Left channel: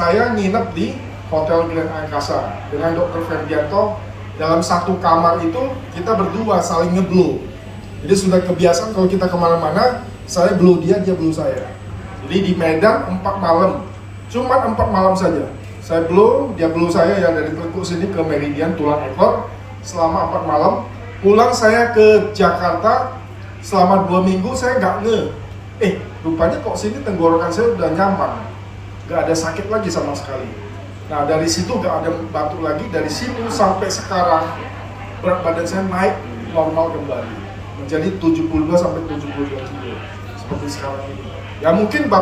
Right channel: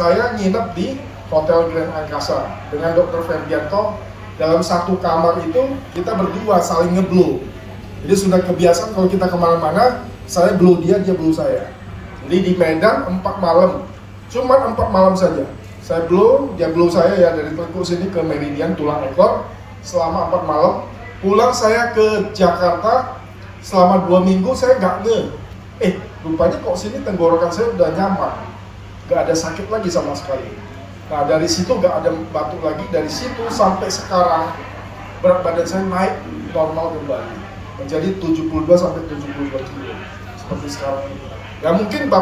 saya nginep di Hotel Grand Angkasa dengan Dr. Ferdianto. Dalam satu kamar itu kita berdua saling ngeblow. Jadi sudah kebiasaan kalau kita kemana-mana, saya blow dia, dia blow saya. Jadi di Medan 4 malam, cuman 4 malam saja. Saya blow, dia blow saya ya dari telekuk sini ke meridian tulang ekor selama 4 malam. Pulang saya ke Jakarta selama 2 minggu saya nggak rupanya kok sini tenggorokan saya udah nyaman, nggak ada sakit lagi sama sekali. Nah dari situ nggak ada batuk lagi, dari situ sampai sekarang berat badan saya naik normal kembali menjadi 72 sampai 72 kilo seperti sekarang ini. Ya mungkin